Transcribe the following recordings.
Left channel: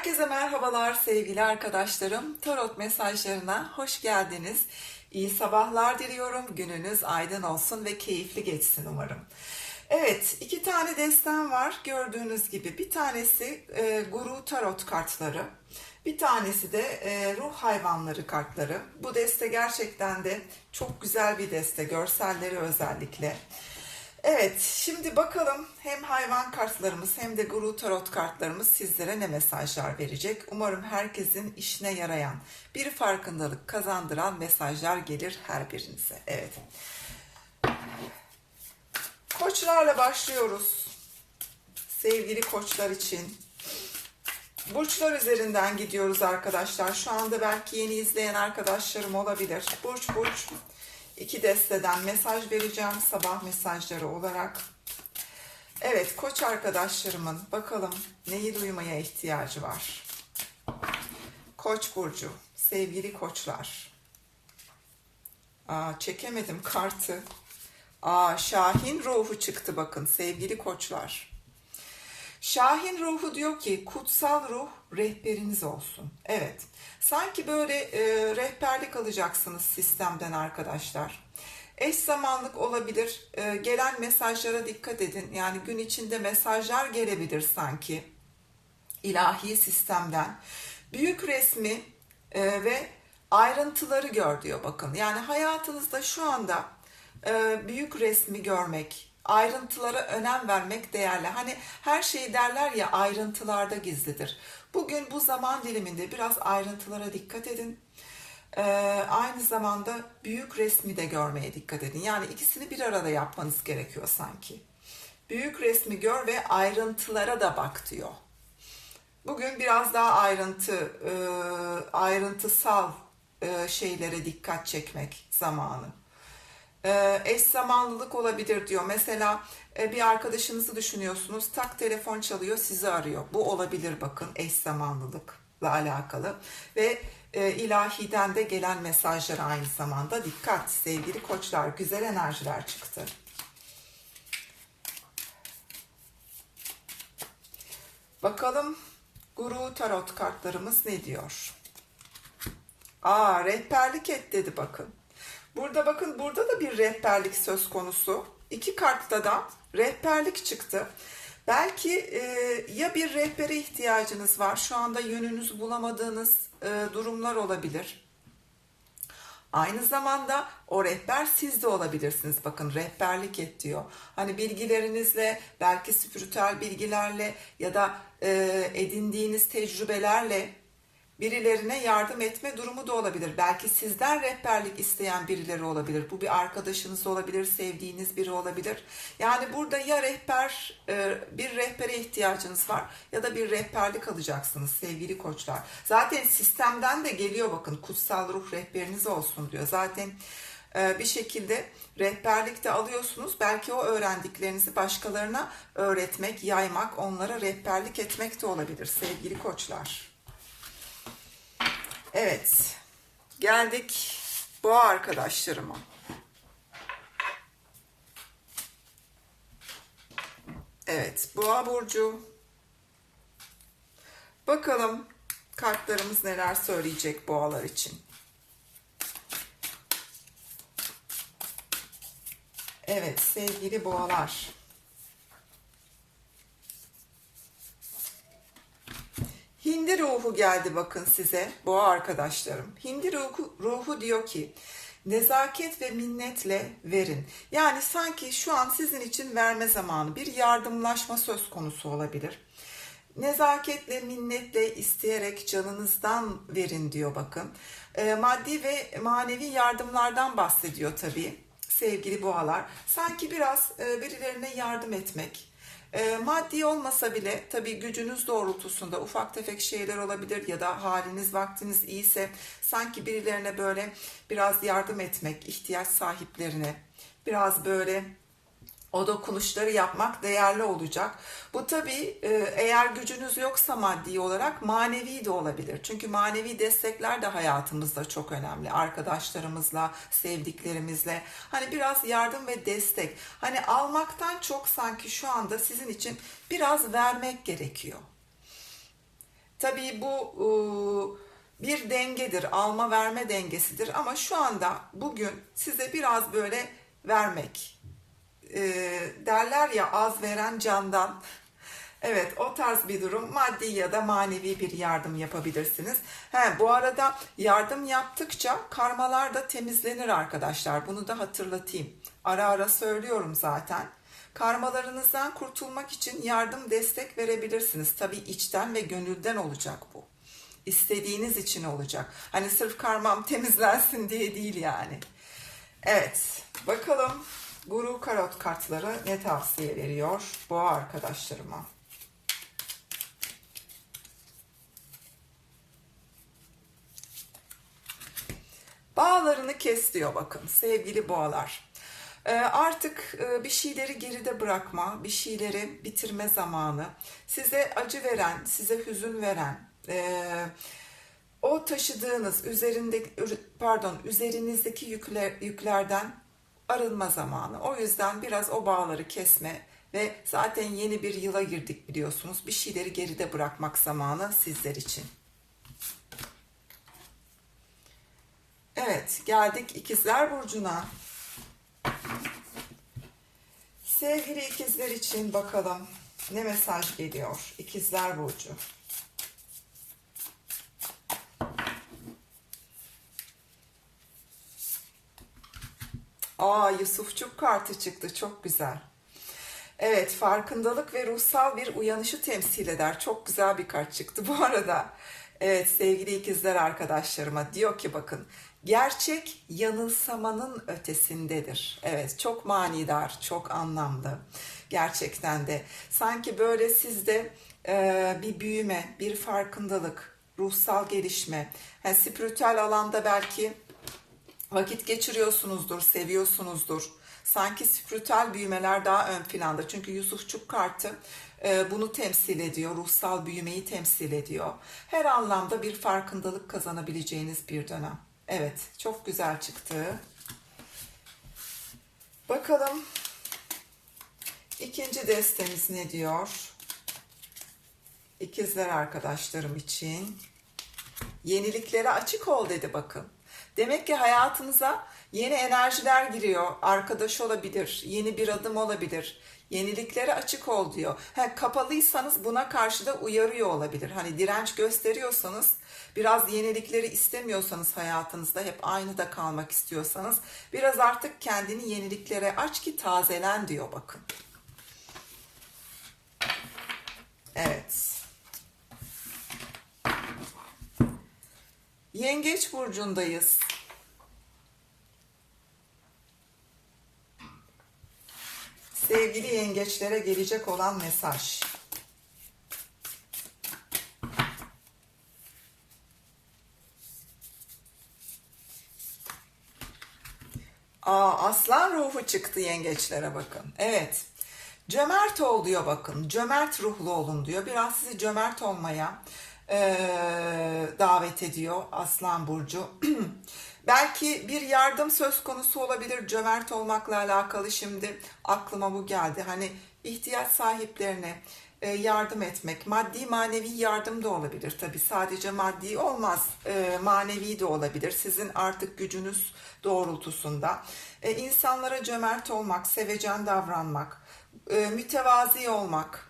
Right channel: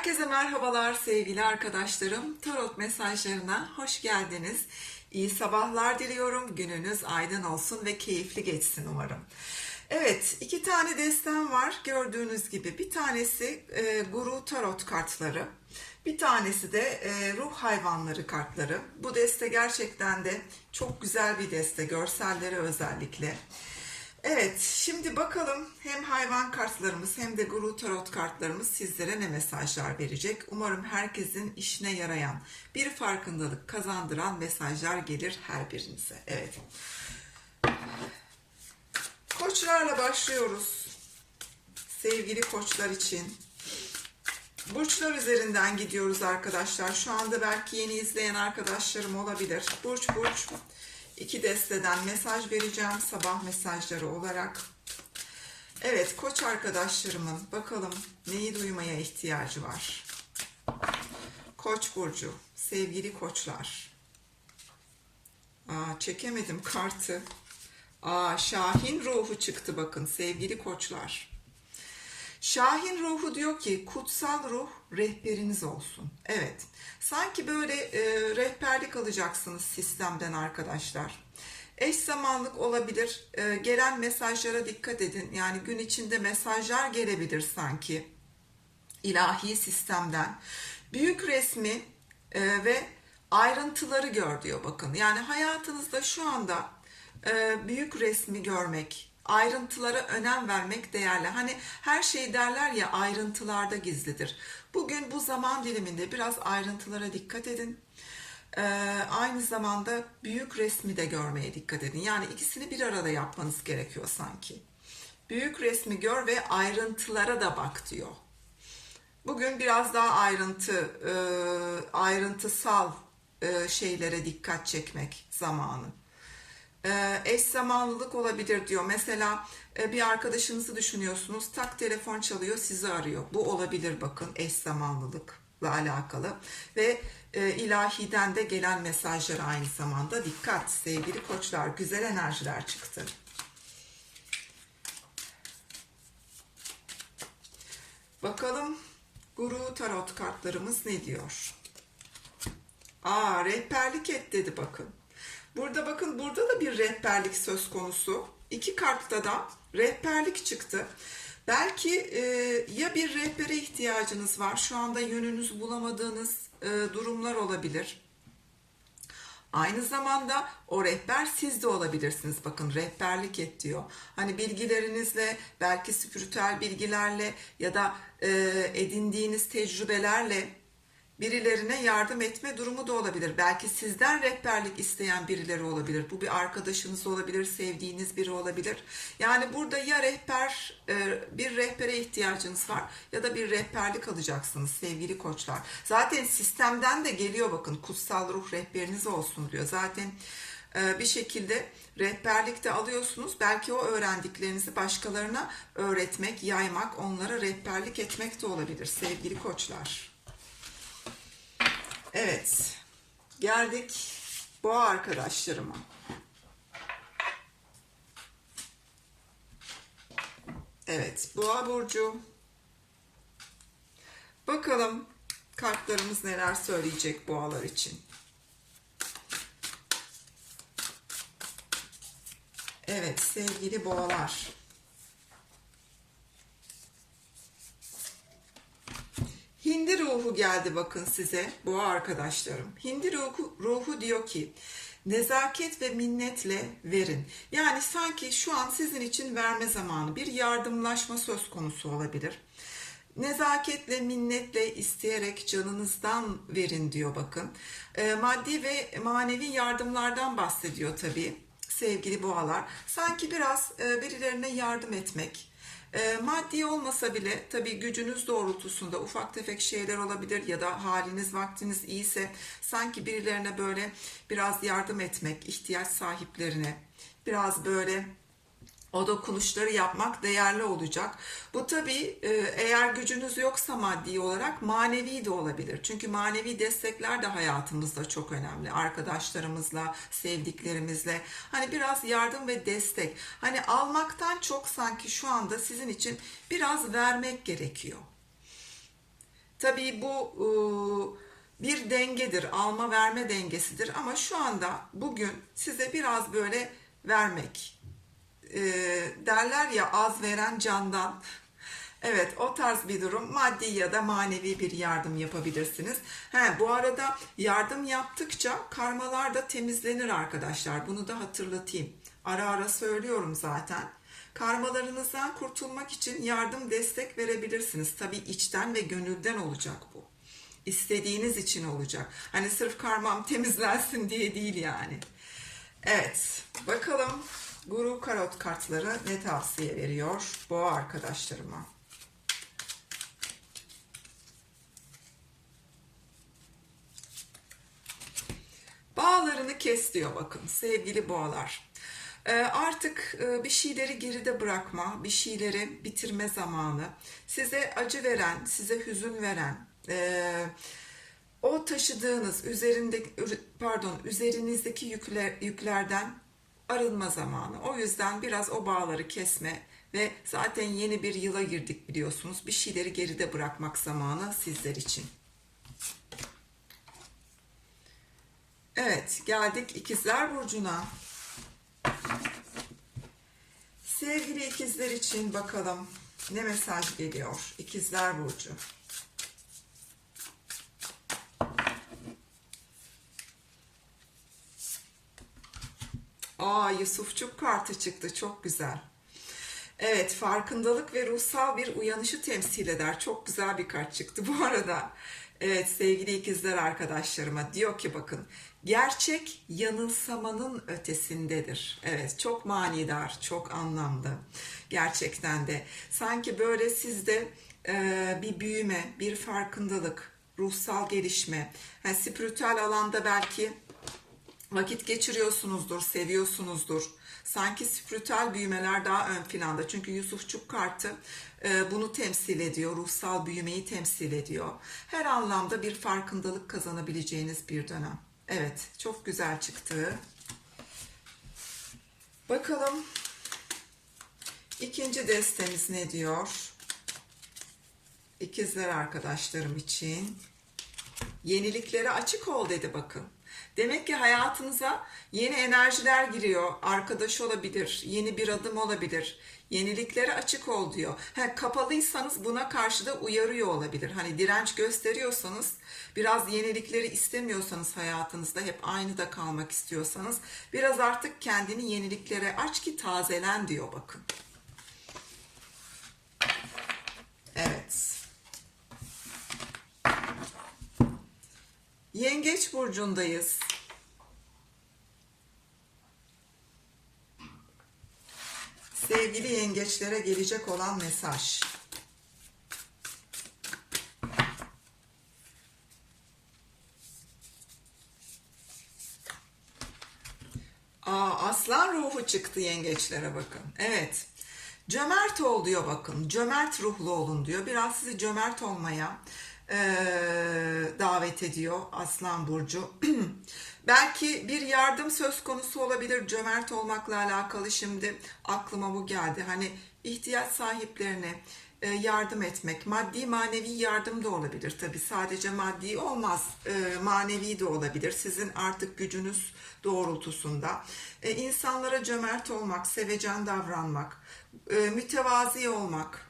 Herkese merhabalar sevgili arkadaşlarım. Tarot mesajlarına hoş geldiniz. İyi sabahlar diliyorum. Gününüz aydın olsun ve keyifli geçsin umarım. Evet, iki tane destem var gördüğünüz gibi. Bir tanesi e, Guru Tarot kartları. Bir tanesi de e, ruh hayvanları kartları. Bu deste gerçekten de çok güzel bir deste, görselleri özellikle. Evet, şimdi bakalım hem hayvan kartlarımız hem de guru tarot kartlarımız sizlere ne mesajlar verecek. Umarım herkesin işine yarayan, bir farkındalık kazandıran mesajlar gelir her birinize. Evet. Koçlarla başlıyoruz. Sevgili koçlar için. Burçlar üzerinden gidiyoruz arkadaşlar. Şu anda belki yeni izleyen arkadaşlarım olabilir. Burç burç iki desteden mesaj vereceğim sabah mesajları olarak. Evet koç arkadaşlarımın bakalım neyi duymaya ihtiyacı var. Koç burcu, sevgili koçlar. Aa, çekemedim kartı. Aa, Şahin ruhu çıktı bakın sevgili koçlar. Şahin ruhu diyor ki kutsal ruh rehberiniz olsun. Evet. Sanki böyle e, rehberlik alacaksınız sistemden arkadaşlar. Eş zamanlık olabilir. E, gelen mesajlara dikkat edin. Yani gün içinde mesajlar gelebilir sanki. ilahi sistemden. Büyük resmi e, ve ayrıntıları gör diyor bakın. Yani hayatınızda şu anda e, büyük resmi görmek, ayrıntılara önem vermek değerli. Hani her şey derler ya ayrıntılarda gizlidir. Bugün bu zaman diliminde biraz ayrıntılara dikkat edin. Ee, aynı zamanda büyük resmi de görmeye dikkat edin. Yani ikisini bir arada yapmanız gerekiyor sanki. Büyük resmi gör ve ayrıntılara da bak diyor. Bugün biraz daha ayrıntı, e, ayrıntısal e, şeylere dikkat çekmek zamanı. E, eş zamanlılık olabilir diyor. Mesela e, bir arkadaşınızı düşünüyorsunuz. Tak telefon çalıyor sizi arıyor. Bu olabilir bakın eş zamanlılıkla alakalı. Ve e, ilahiden de gelen mesajlar aynı zamanda. Dikkat sevgili koçlar güzel enerjiler çıktı. Bakalım Guru Tarot kartlarımız ne diyor? Aa rehberlik et dedi bakın. Burada bakın burada da bir rehberlik söz konusu. İki kartta da rehberlik çıktı. Belki e, ya bir rehbere ihtiyacınız var. Şu anda yönünüzü bulamadığınız e, durumlar olabilir. Aynı zamanda o rehber siz de olabilirsiniz. Bakın rehberlik et diyor. Hani bilgilerinizle, belki spiritüel bilgilerle ya da e, edindiğiniz tecrübelerle birilerine yardım etme durumu da olabilir. Belki sizden rehberlik isteyen birileri olabilir. Bu bir arkadaşınız olabilir, sevdiğiniz biri olabilir. Yani burada ya rehber, e, bir rehbere ihtiyacınız var ya da bir rehberlik alacaksınız sevgili koçlar. Zaten sistemden de geliyor bakın kutsal ruh rehberiniz olsun diyor. Zaten e, bir şekilde rehberlik de alıyorsunuz. Belki o öğrendiklerinizi başkalarına öğretmek, yaymak, onlara rehberlik etmek de olabilir sevgili koçlar. Evet. Geldik boğa arkadaşlarıma. Evet, boğa burcu. Bakalım kartlarımız neler söyleyecek boğalar için. Evet, sevgili boğalar. Hindi ruhu geldi bakın size boğa arkadaşlarım. Hindi ruhu, ruhu diyor ki nezaket ve minnetle verin. Yani sanki şu an sizin için verme zamanı bir yardımlaşma söz konusu olabilir. Nezaketle, minnetle isteyerek canınızdan verin diyor bakın. E, maddi ve manevi yardımlardan bahsediyor tabii sevgili boğalar. Sanki biraz e, birilerine yardım etmek, e, maddi olmasa bile tabii gücünüz doğrultusunda ufak tefek şeyler olabilir ya da haliniz vaktiniz iyiyse sanki birilerine böyle biraz yardım etmek, ihtiyaç sahiplerine biraz böyle o dokunuşları yapmak değerli olacak. Bu tabii e, eğer gücünüz yoksa maddi olarak manevi de olabilir. Çünkü manevi destekler de hayatımızda çok önemli. Arkadaşlarımızla, sevdiklerimizle. Hani biraz yardım ve destek. Hani almaktan çok sanki şu anda sizin için biraz vermek gerekiyor. Tabii bu e, bir dengedir, alma verme dengesidir ama şu anda bugün size biraz böyle vermek e, derler ya az veren candan. Evet o tarz bir durum maddi ya da manevi bir yardım yapabilirsiniz. He, bu arada yardım yaptıkça karmalar da temizlenir arkadaşlar. Bunu da hatırlatayım. Ara ara söylüyorum zaten. Karmalarınızdan kurtulmak için yardım destek verebilirsiniz. Tabii içten ve gönülden olacak bu. İstediğiniz için olacak. Hani sırf karmam temizlensin diye değil yani. Evet bakalım Guru Karot kartları ne tavsiye veriyor boğa arkadaşlarıma. Bağlarını kes diyor bakın sevgili boğalar. Ee, artık e, bir şeyleri geride bırakma, bir şeyleri bitirme zamanı. Size acı veren, size hüzün veren, e, o taşıdığınız üzerinde pardon üzerinizdeki yükler, yüklerden arınma zamanı. O yüzden biraz o bağları kesme ve zaten yeni bir yıla girdik biliyorsunuz. Bir şeyleri geride bırakmak zamanı sizler için. Evet, geldik ikizler burcuna. Sevgili ikizler için bakalım ne mesaj geliyor ikizler burcu. Aa Yusufçuk kartı çıktı çok güzel. Evet farkındalık ve ruhsal bir uyanışı temsil eder. Çok güzel bir kart çıktı bu arada. Evet sevgili ikizler arkadaşlarıma diyor ki bakın gerçek yanılsamanın ötesindedir. Evet çok manidar, çok anlamlı gerçekten de. Sanki böyle sizde e, bir büyüme, bir farkındalık, ruhsal gelişme, yani spiritüel alanda belki vakit geçiriyorsunuzdur, seviyorsunuzdur. Sanki spiritüel büyümeler daha ön planda. Çünkü Yusufçuk kartı e, bunu temsil ediyor. Ruhsal büyümeyi temsil ediyor. Her anlamda bir farkındalık kazanabileceğiniz bir dönem. Evet, çok güzel çıktı. Bakalım ikinci destemiz ne diyor? İkizler arkadaşlarım için. Yeniliklere açık ol dedi bakın. Demek ki hayatınıza yeni enerjiler giriyor. Arkadaş olabilir, yeni bir adım olabilir. Yeniliklere açık ol diyor. Ha, kapalıysanız buna karşı da uyarıyor olabilir. Hani direnç gösteriyorsanız, biraz yenilikleri istemiyorsanız hayatınızda hep aynı da kalmak istiyorsanız biraz artık kendini yeniliklere aç ki tazelen diyor bakın. Evet. Yengeç burcundayız. Sevgili yengeçlere gelecek olan mesaj. Aa, aslan ruhu çıktı yengeçlere bakın. Evet. Cömert ol diyor bakın. Cömert ruhlu olun diyor. Biraz sizi cömert olmaya e, davet ediyor Aslan Burcu. Belki bir yardım söz konusu olabilir cömert olmakla alakalı şimdi aklıma bu geldi. Hani ihtiyaç sahiplerine e, yardım etmek, maddi manevi yardım da olabilir tabi sadece maddi olmaz, e, manevi de olabilir. Sizin artık gücünüz doğrultusunda. İnsanlara cömert olmak, sevecen davranmak, mütevazi olmak,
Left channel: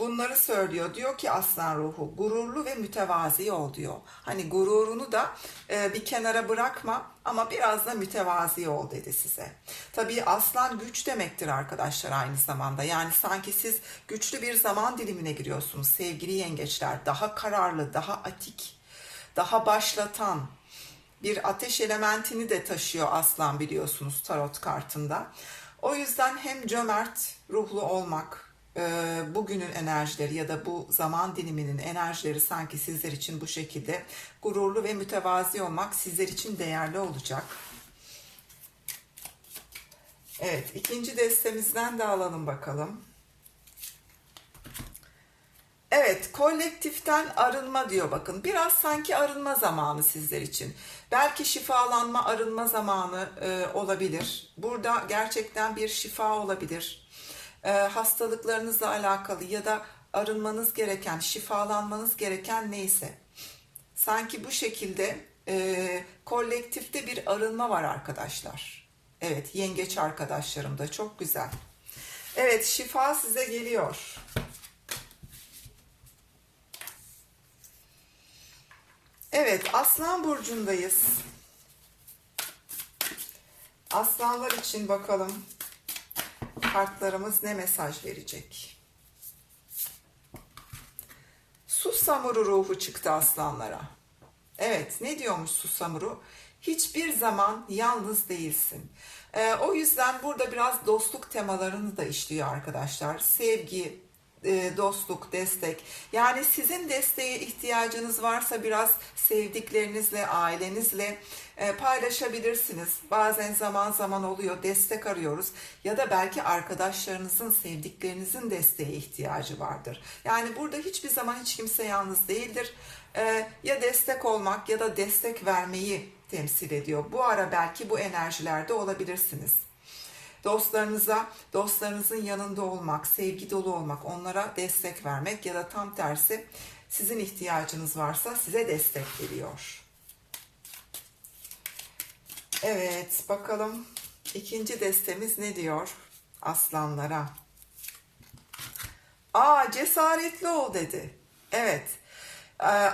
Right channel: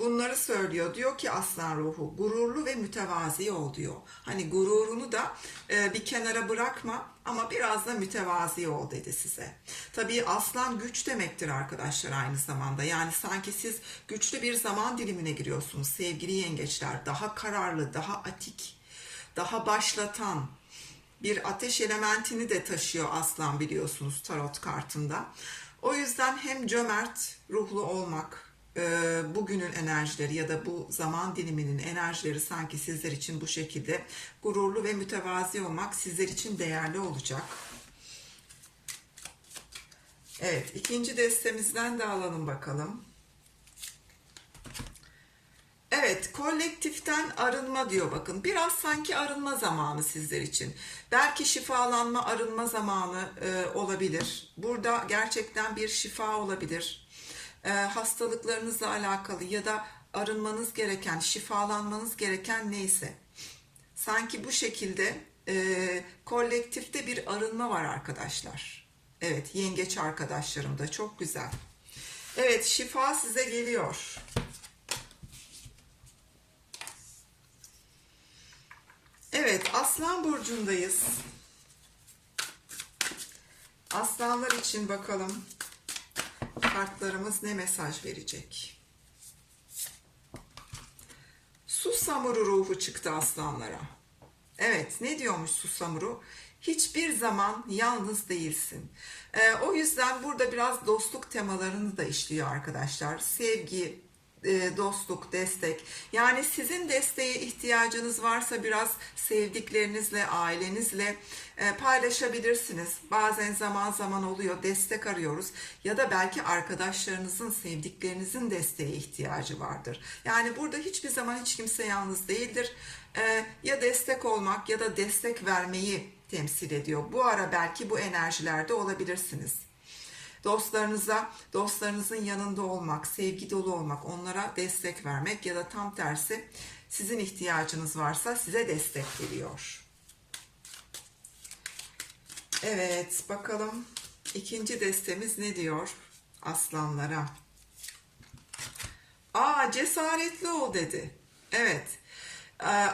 bunları söylüyor. Diyor ki aslan ruhu gururlu ve mütevazi ol diyor. Hani gururunu da e, bir kenara bırakma ama biraz da mütevazi ol dedi size. Tabii aslan güç demektir arkadaşlar aynı zamanda. Yani sanki siz güçlü bir zaman dilimine giriyorsunuz sevgili yengeçler. Daha kararlı, daha atik, daha başlatan, bir ateş elementini de taşıyor aslan biliyorsunuz tarot kartında. O yüzden hem cömert ruhlu olmak, bugünün enerjileri ya da bu zaman diliminin enerjileri sanki sizler için bu şekilde gururlu ve mütevazi olmak sizler için değerli olacak. Evet, ikinci destemizden de alalım bakalım. Evet, kolektiften arınma diyor bakın. Biraz sanki arınma zamanı sizler için. Belki şifalanma, arınma zamanı e, olabilir. Burada gerçekten bir şifa olabilir e, hastalıklarınızla alakalı ya da arınmanız gereken, şifalanmanız gereken neyse. Sanki bu şekilde e, kolektifte bir arınma var arkadaşlar. Evet, yengeç arkadaşlarım da çok güzel. Evet, şifa size geliyor. Evet, Aslan burcundayız. Aslanlar için bakalım kartlarımız ne mesaj verecek? Susamuru ruhu çıktı aslanlara. Evet, ne diyormuş Susamuru? Hiçbir zaman yalnız değilsin. Ee, o yüzden burada biraz dostluk temalarını da işliyor arkadaşlar. Sevgi, dostluk, destek. Yani sizin desteğe ihtiyacınız varsa biraz sevdiklerinizle, ailenizle e, paylaşabilirsiniz. Bazen zaman zaman oluyor, destek arıyoruz ya da belki arkadaşlarınızın, sevdiklerinizin desteğe ihtiyacı vardır. Yani burada hiçbir zaman hiç kimse yalnız değildir. E, ya destek olmak ya da destek vermeyi temsil ediyor. Bu ara belki bu enerjilerde olabilirsiniz dostlarınıza, dostlarınızın yanında olmak, sevgi dolu olmak, onlara destek vermek ya da tam tersi sizin ihtiyacınız varsa size destek veriyor. Evet, bakalım ikinci destemiz ne diyor aslanlara? Aa, cesaretli ol dedi. Evet.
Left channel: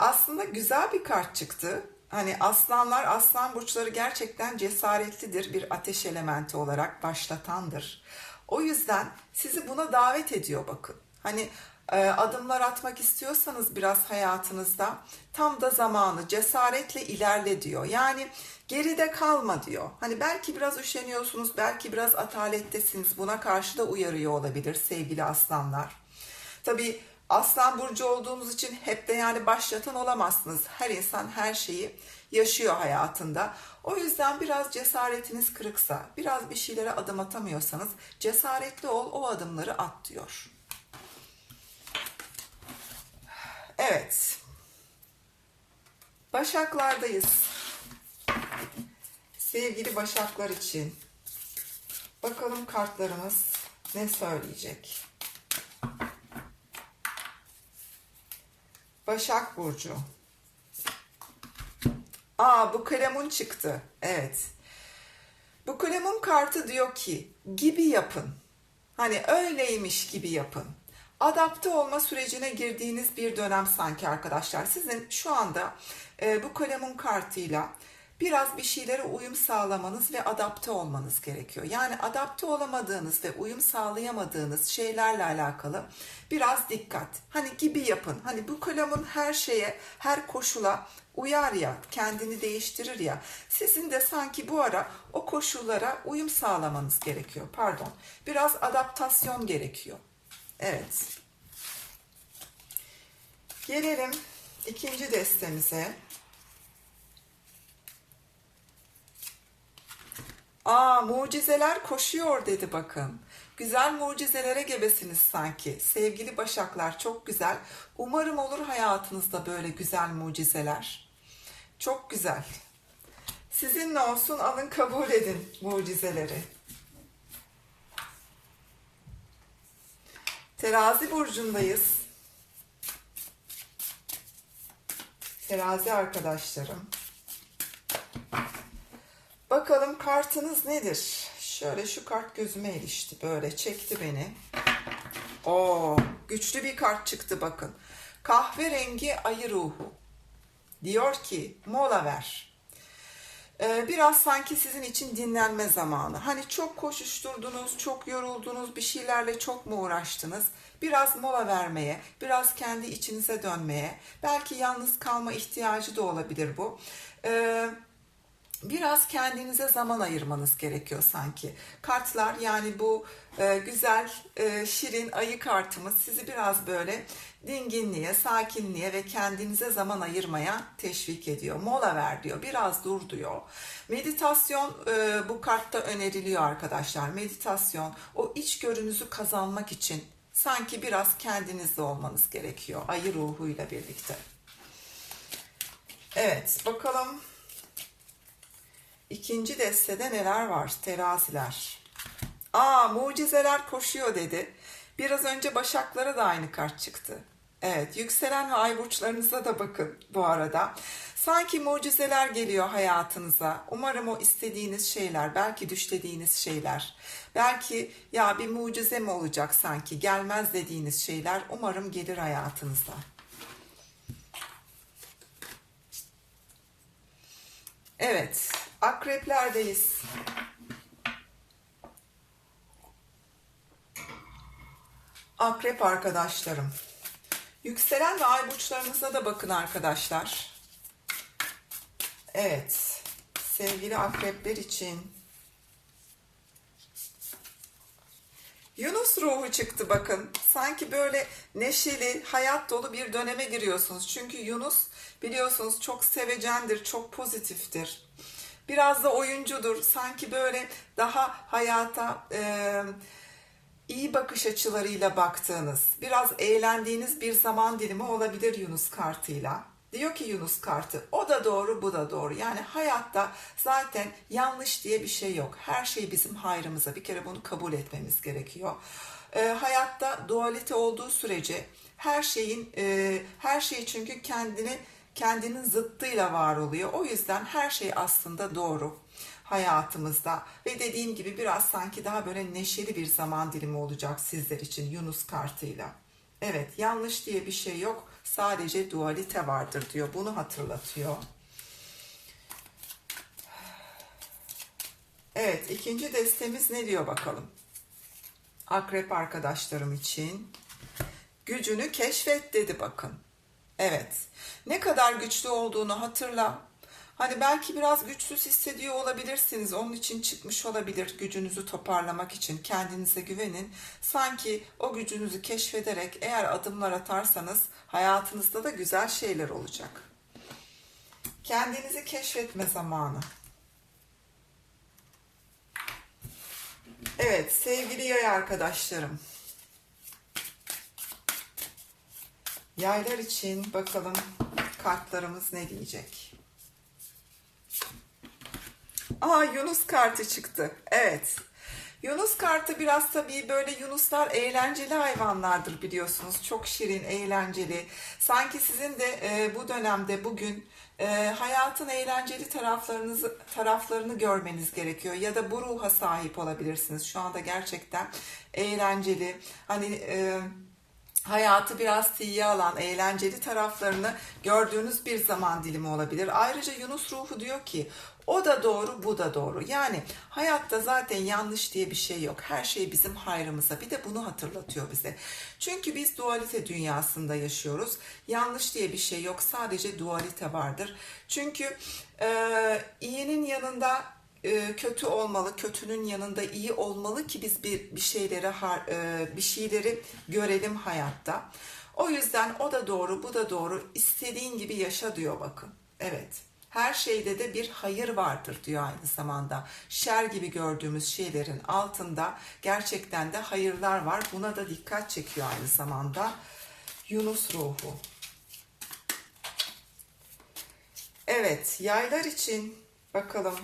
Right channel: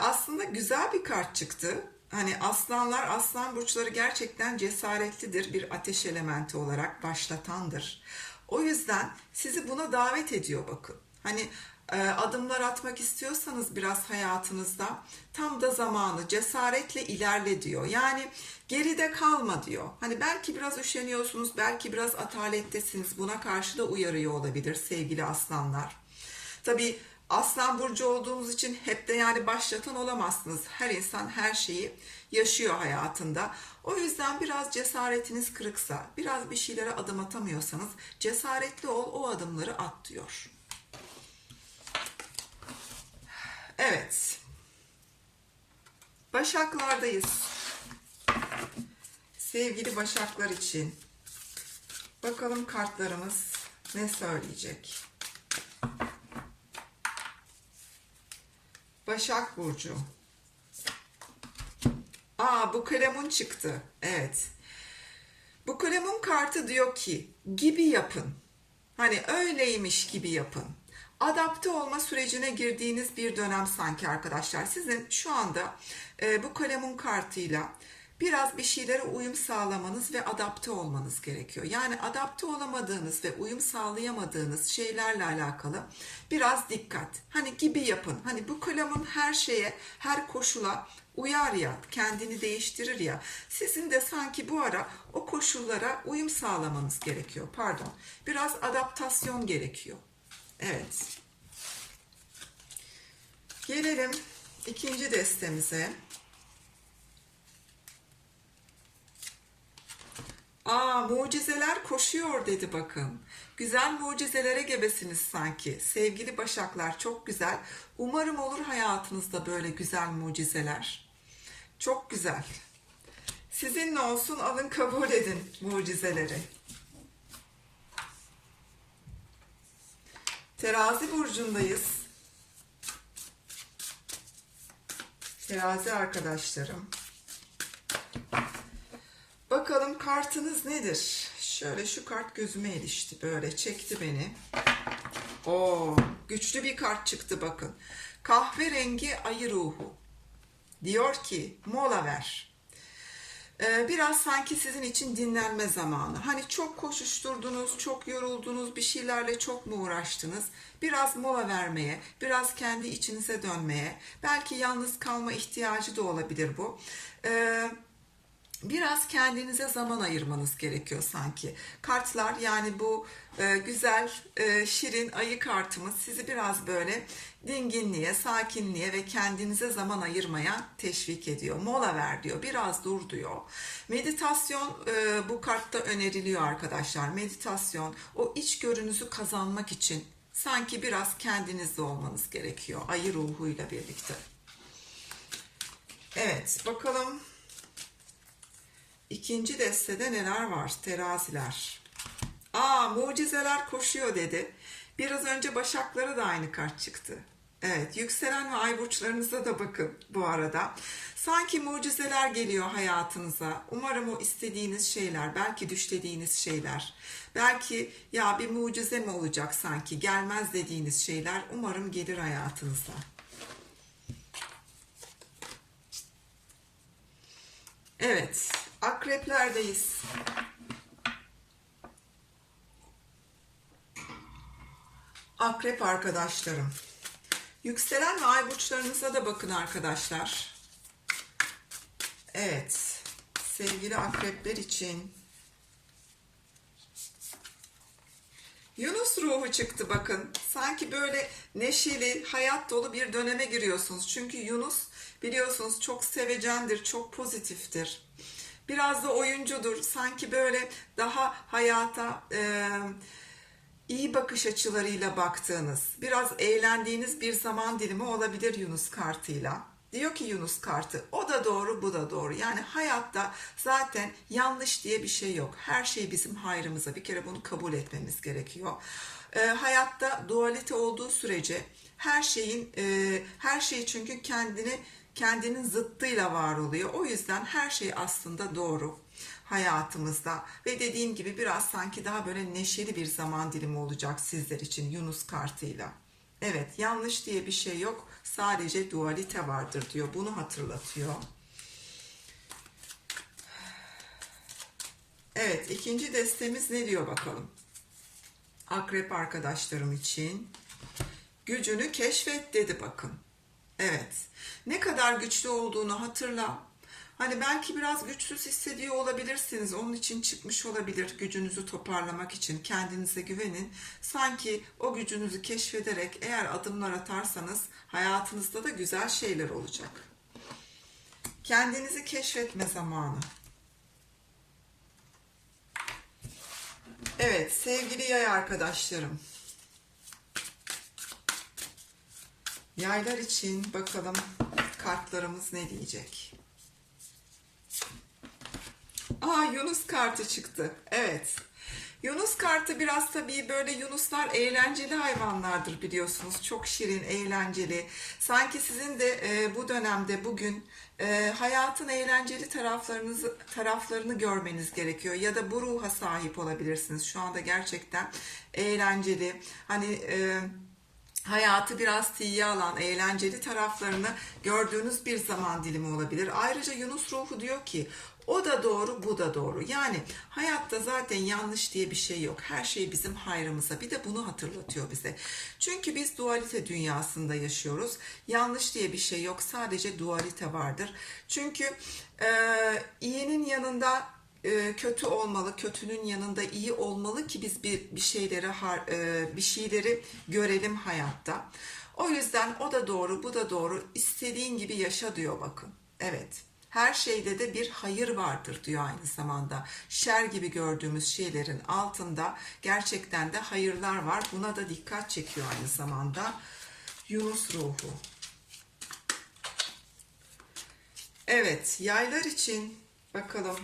Aslında güzel bir kart çıktı. Hani aslanlar, aslan burçları gerçekten cesaretlidir bir ateş elementi olarak başlatandır. O yüzden sizi buna davet ediyor bakın. Hani e, adımlar atmak istiyorsanız biraz hayatınızda tam da zamanı cesaretle ilerle diyor. Yani geride kalma diyor. Hani belki biraz üşeniyorsunuz, belki biraz atalettesiniz. Buna karşı da uyarıyor olabilir sevgili aslanlar. Tabii Aslan burcu olduğunuz için hep de yani başlatan olamazsınız. Her insan her şeyi yaşıyor hayatında. O yüzden biraz cesaretiniz kırıksa, biraz bir şeylere adım atamıyorsanız cesaretli ol, o adımları at diyor. Evet. Başaklardayız. Sevgili Başaklar için bakalım kartlarımız ne söyleyecek? Başak Burcu. Aa bu kalemun çıktı. Evet. Bu kalemun kartı diyor ki gibi yapın. Hani öyleymiş gibi yapın. Adapte olma sürecine girdiğiniz bir dönem sanki arkadaşlar. Sizin şu anda e, bu kalemun kartıyla biraz bir şeylere uyum sağlamanız ve adapte olmanız gerekiyor. Yani adapte olamadığınız ve uyum sağlayamadığınız şeylerle alakalı biraz dikkat. Hani gibi yapın. Hani bu kalemun her şeye, her koşula uyar ya, kendini değiştirir ya. Sizin de sanki bu ara o koşullara uyum sağlamanız gerekiyor. Pardon. Biraz adaptasyon gerekiyor. Evet. Gelelim ikinci destemize. Aa mucizeler koşuyor dedi bakın. Güzel mucizelere gebesiniz sanki. Sevgili başaklar çok güzel. Umarım olur hayatınızda böyle güzel mucizeler. Çok güzel. Sizinle olsun alın kabul edin mucizeleri. Terazi burcundayız. Terazi arkadaşlarım. Bakalım kartınız nedir? Şöyle şu kart gözüme ilişti. Böyle çekti beni. Oo, güçlü bir kart çıktı bakın. Kahverengi ayı ruhu. Diyor ki mola ver. Ee, biraz sanki sizin için dinlenme zamanı. Hani çok koşuşturdunuz, çok yoruldunuz, bir şeylerle çok mu uğraştınız? Biraz mola vermeye, biraz kendi içinize dönmeye, belki yalnız kalma ihtiyacı da olabilir bu. Ee, biraz kendinize zaman ayırmanız gerekiyor sanki. Kartlar yani bu e, güzel e, şirin ayı kartımız sizi biraz böyle dinginliğe, sakinliğe ve kendinize zaman ayırmaya teşvik ediyor. Mola ver diyor, biraz dur diyor. Meditasyon e, bu kartta öneriliyor arkadaşlar. Meditasyon o iç görünüzü kazanmak için sanki biraz kendinizde olmanız gerekiyor ayı ruhuyla birlikte. Evet bakalım İkinci destede neler var? Teraziler. Aa mucizeler koşuyor dedi. Biraz önce Başaklara da aynı kart çıktı. Evet, yükselen ve ay burçlarınıza da bakın bu arada. Sanki mucizeler geliyor hayatınıza. Umarım o istediğiniz şeyler, belki düşlediğiniz şeyler, belki ya bir mucize mi olacak sanki gelmez dediğiniz şeyler umarım gelir hayatınıza. Evet, akreplerdeyiz. Akrep arkadaşlarım. Yükselen ve ay burçlarınıza da bakın arkadaşlar. Evet, sevgili akrepler için Yunus ruhu çıktı bakın. Sanki böyle neşeli, hayat dolu bir döneme giriyorsunuz. Çünkü Yunus biliyorsunuz çok sevecendir, çok pozitiftir. Biraz da oyuncudur. Sanki böyle daha hayata e, iyi bakış açılarıyla baktığınız, biraz eğlendiğiniz bir zaman dilimi olabilir Yunus kartıyla. Diyor ki Yunus kartı o da doğru bu da doğru. Yani hayatta zaten yanlış diye bir şey yok. Her şey bizim hayrımıza. Bir kere bunu kabul etmemiz gerekiyor. Ee, hayatta dualite olduğu sürece her şeyin e, her şey çünkü kendini kendinin zıttıyla var oluyor. O yüzden her şey aslında doğru hayatımızda ve dediğim gibi biraz sanki daha böyle neşeli bir zaman dilimi olacak sizler için Yunus kartıyla. Evet yanlış diye bir şey yok sadece dualite vardır diyor bunu hatırlatıyor. Evet ikinci destemiz ne diyor bakalım. Akrep arkadaşlarım için gücünü keşfet dedi bakın. Evet ne kadar güçlü olduğunu hatırla Hani belki biraz güçsüz hissediyor olabilirsiniz. Onun için çıkmış olabilir gücünüzü toparlamak için. Kendinize güvenin. Sanki o gücünüzü keşfederek eğer adımlar atarsanız hayatınızda da güzel şeyler olacak. Kendinizi keşfetme zamanı. Evet sevgili yay arkadaşlarım. Yaylar için bakalım kartlarımız ne diyecek? Aa Yunus kartı çıktı. Evet. Yunus kartı biraz tabii böyle Yunuslar eğlenceli hayvanlardır biliyorsunuz. Çok şirin, eğlenceli. Sanki sizin de e, bu dönemde bugün e, hayatın eğlenceli taraflarınızı taraflarını görmeniz gerekiyor ya da bu ruha sahip olabilirsiniz. Şu anda gerçekten eğlenceli. Hani e, hayatı biraz tiye alan, eğlenceli taraflarını gördüğünüz bir zaman dilimi olabilir. Ayrıca Yunus ruhu diyor ki o da doğru, bu da doğru. Yani hayatta zaten yanlış diye bir şey yok. Her şey bizim hayrımıza. Bir de bunu hatırlatıyor bize. Çünkü biz dualite dünyasında yaşıyoruz. Yanlış diye bir şey yok. Sadece dualite vardır. Çünkü e, iyinin yanında kötü olmalı, kötünün yanında iyi olmalı ki biz bir bir şeyleri e, bir şeyleri görelim hayatta. O yüzden o da doğru, bu da doğru. İstediğin gibi yaşa diyor bakın. Evet. Her şeyde de bir hayır vardır diyor aynı zamanda. Şer gibi gördüğümüz şeylerin altında gerçekten de hayırlar var. Buna da dikkat çekiyor aynı zamanda. Yunus ruhu. Evet, yaylar için bakalım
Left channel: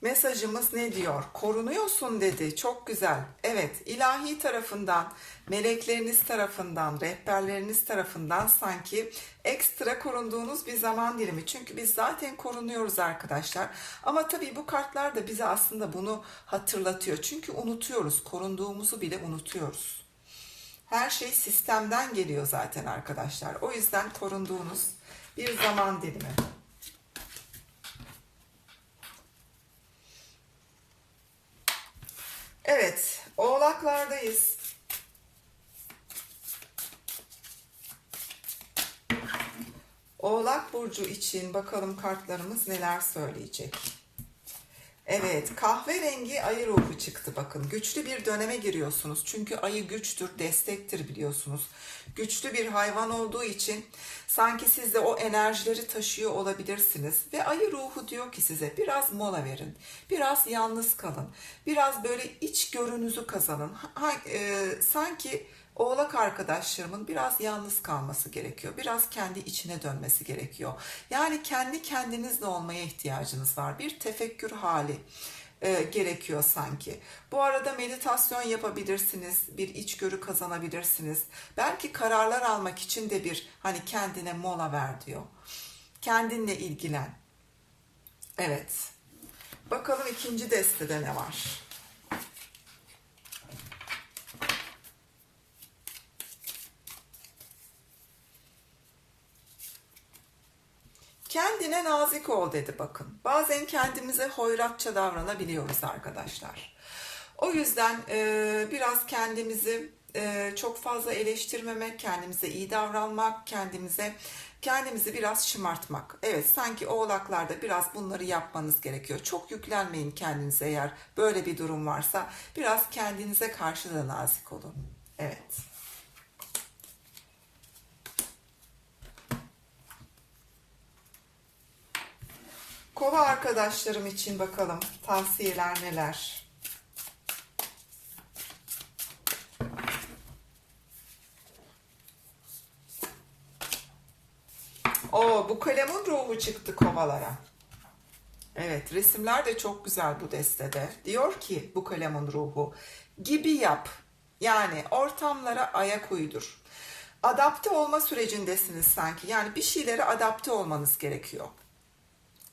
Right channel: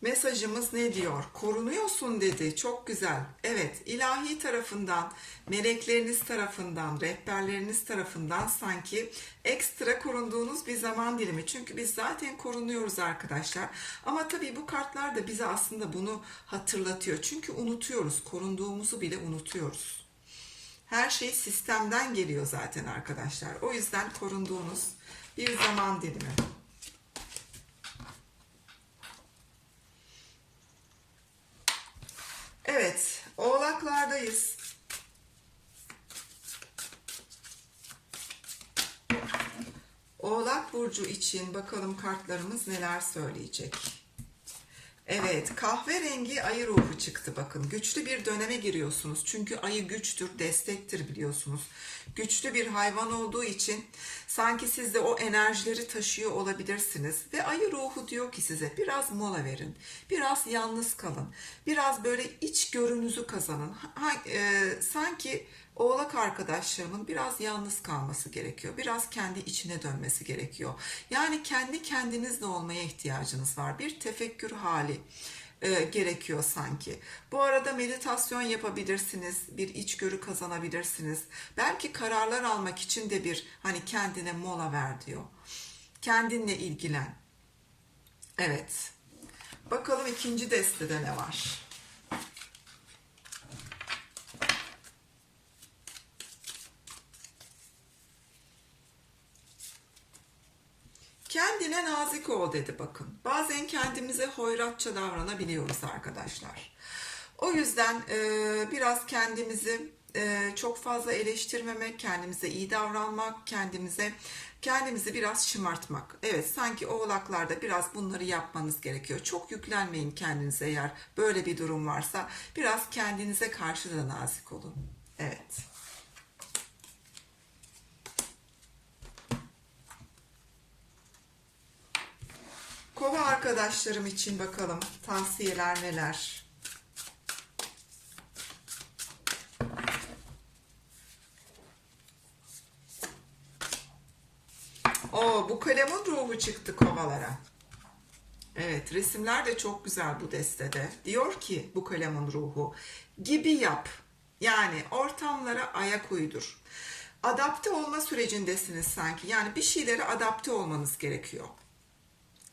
Mesajımız ne diyor? Korunuyorsun dedi. Çok güzel. Evet, ilahi tarafından, melekleriniz tarafından, rehberleriniz tarafından sanki ekstra korunduğunuz bir zaman dilimi. Çünkü biz zaten korunuyoruz arkadaşlar. Ama tabii bu kartlar da bize aslında bunu hatırlatıyor. Çünkü unutuyoruz. Korunduğumuzu bile unutuyoruz. Her şey sistemden geliyor zaten arkadaşlar. O yüzden korunduğunuz bir zaman dilimi. Evet, oğlaklardayız. Oğlak burcu için bakalım kartlarımız neler söyleyecek. Evet, kahverengi ayı ruhu çıktı bakın. Güçlü bir döneme giriyorsunuz. Çünkü ayı güçtür, destektir biliyorsunuz. Güçlü bir hayvan olduğu için sanki siz de o enerjileri taşıyor olabilirsiniz. Ve ayı ruhu diyor ki size biraz mola verin. Biraz yalnız kalın. Biraz böyle iç görünüzü kazanın. Ha, e, sanki oğlak arkadaşlarımın biraz yalnız kalması gerekiyor. Biraz kendi içine dönmesi gerekiyor. Yani kendi kendinizle olmaya ihtiyacınız var. Bir tefekkür hali e, gerekiyor sanki. Bu arada meditasyon yapabilirsiniz, bir içgörü kazanabilirsiniz. Belki kararlar almak için de bir hani kendine mola ver diyor. Kendinle ilgilen. Evet. Bakalım ikinci destede ne var? Kendine nazik ol dedi bakın. Bazen kendimize hoyratça davranabiliyoruz arkadaşlar. O yüzden e, biraz kendimizi e, çok fazla eleştirmemek, kendimize iyi davranmak, kendimize kendimizi biraz şımartmak. Evet sanki oğlaklarda biraz bunları yapmanız gerekiyor. Çok yüklenmeyin kendinize eğer böyle bir durum varsa. Biraz kendinize karşı da nazik olun. Evet. Kova arkadaşlarım için bakalım tavsiyeler neler? O bu kalemin ruhu çıktı kovalara. Evet resimler de çok güzel bu destede. Diyor ki bu kalemin ruhu gibi yap. Yani ortamlara ayak uydur. Adapte olma sürecindesiniz sanki. Yani bir şeylere adapte olmanız gerekiyor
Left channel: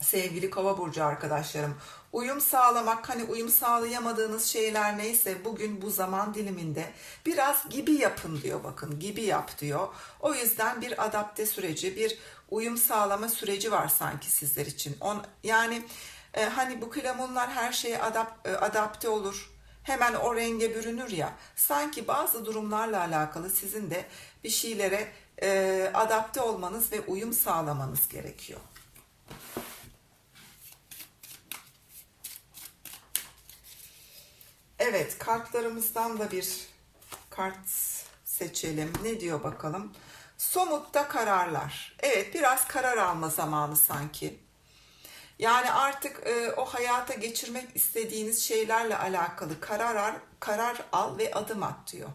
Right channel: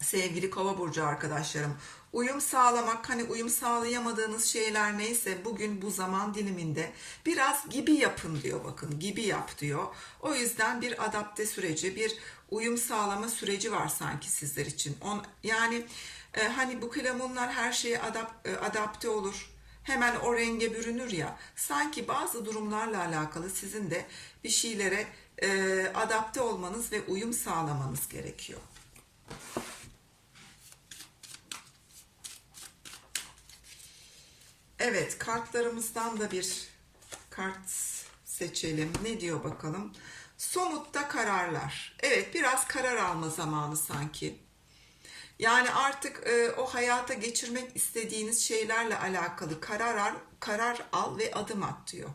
sevgili kova burcu arkadaşlarım uyum sağlamak hani uyum sağlayamadığınız şeyler neyse bugün bu zaman diliminde biraz gibi yapın diyor bakın gibi yap diyor. O yüzden bir adapte süreci bir uyum sağlama süreci var sanki sizler için. On, yani e, hani bu klamunlar her şeye adap, e, adapte olur. Hemen o renge bürünür ya. Sanki bazı durumlarla alakalı sizin de bir şeylere e, adapte olmanız ve uyum sağlamanız gerekiyor. Evet, kartlarımızdan da bir kart seçelim. Ne diyor bakalım? Somutta kararlar. Evet, biraz karar alma zamanı sanki. Yani artık e, o hayata geçirmek istediğiniz şeylerle alakalı karar al, karar al ve adım at diyor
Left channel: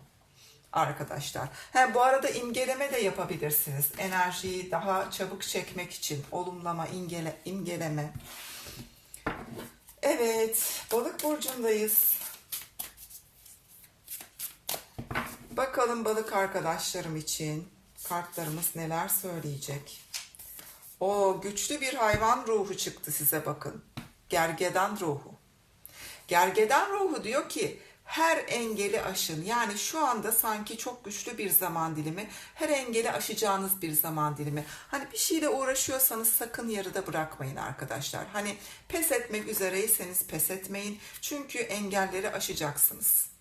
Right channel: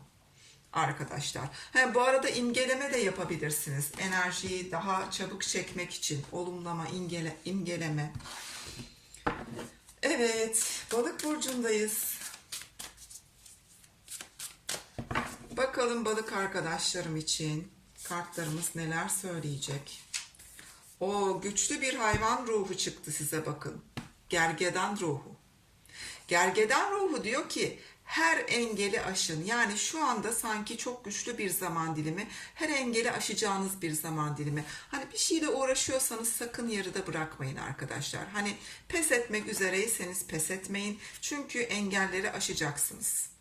arkadaşlar. Hem bu arada imgeleme de yapabilirsiniz. Enerjiyi daha çabuk çekmek için olumlama, imgele, imgeleme. Evet, balık burcundayız. Bakalım balık arkadaşlarım için kartlarımız neler söyleyecek. O güçlü bir hayvan ruhu çıktı size bakın. Gergedan ruhu. Gergedan ruhu diyor ki her engeli aşın. Yani şu anda sanki çok güçlü bir zaman dilimi. Her engeli aşacağınız bir zaman dilimi. Hani bir şeyle uğraşıyorsanız sakın yarıda bırakmayın arkadaşlar. Hani pes etmek üzereyseniz pes etmeyin. Çünkü engelleri aşacaksınız.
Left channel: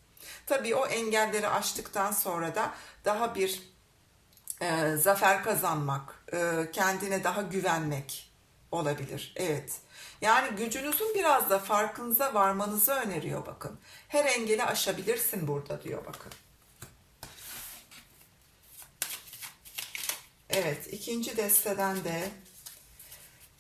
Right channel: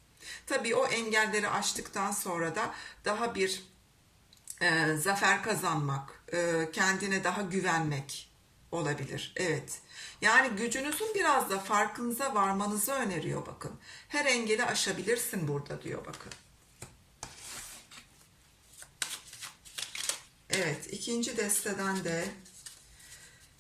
Tabii o engelleri aştıktan sonra da daha bir e, zafer kazanmak, e, kendine daha güvenmek olabilir. Evet. Yani gücünüzün biraz da farkınıza varmanızı öneriyor bakın. Her engeli aşabilirsin burada diyor bakın. Evet, ikinci desteden de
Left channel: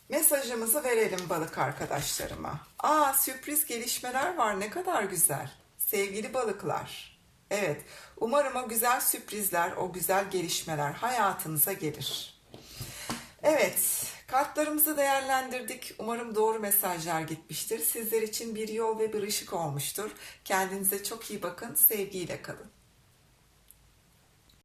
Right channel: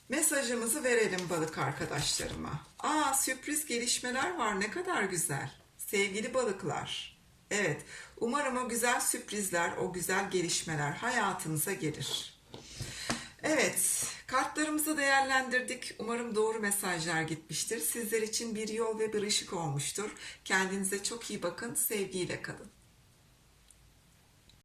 mesajımızı verelim balık arkadaşlarıma. Aa sürpriz gelişmeler var ne kadar güzel. Sevgili balıklar. Evet, umarım o güzel sürprizler, o güzel gelişmeler hayatınıza gelir. Evet, kartlarımızı değerlendirdik. Umarım doğru mesajlar gitmiştir. Sizler için bir yol ve bir ışık olmuştur. Kendinize çok iyi bakın, sevgiyle kalın.